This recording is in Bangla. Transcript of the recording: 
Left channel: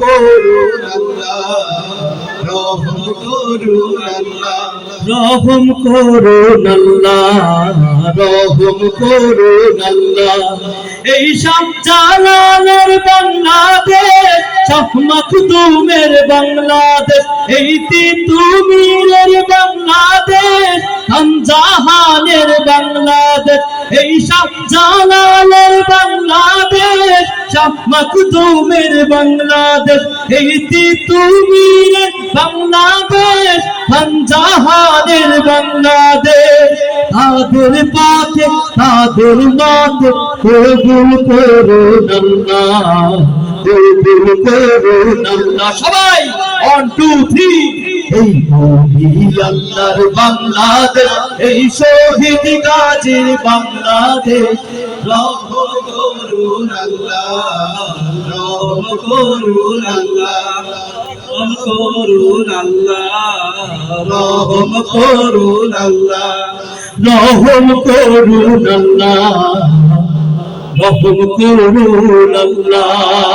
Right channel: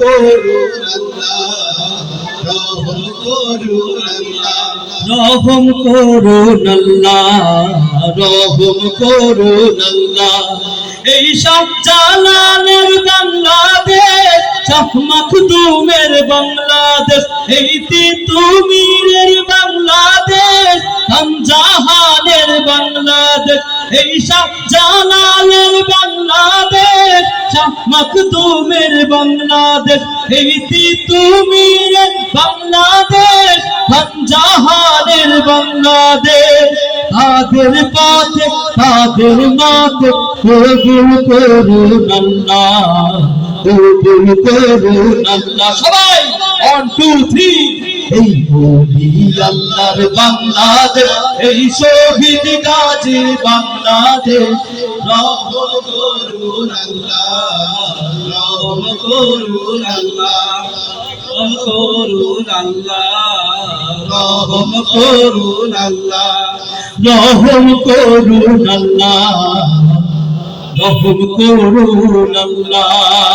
করুন আল্লাহ, রহম করুন আল্লাহ, রহম করুন আল্লাহ, রহম করুন আল্লাহ। এই শাহ জালালের বাংলাদেশ, শাহ মাখদুমের বাংলাদেশ, এই তিতুমীরের বাংলাদেশ, খানজাহানের বাংলাদেশ, এই শাহ জালালের বাংলাদেশ, শাহ মাখদুমের বাংলাদেশ, এই তিতুমীরের বাংলাদেশ, খানজাহানের বাংলাদেশ। তাদের পথে তাদের মাঝে কবুল করুন আল্লাহ, কবুল করুন আল্লাহ। সবাই 1 2 3। এই নবী আল্লাহর বাংলাদেশ, এই শহীদ গাজীর বাংলাদেশ, রহম করুন আল্লাহ, রহম করুন আল্লাহ, রহম করুন আল্লাহ, রহম করুন আল্লাহ, রহম করুন আল্লাহ, রহম করুন আল্লাহ।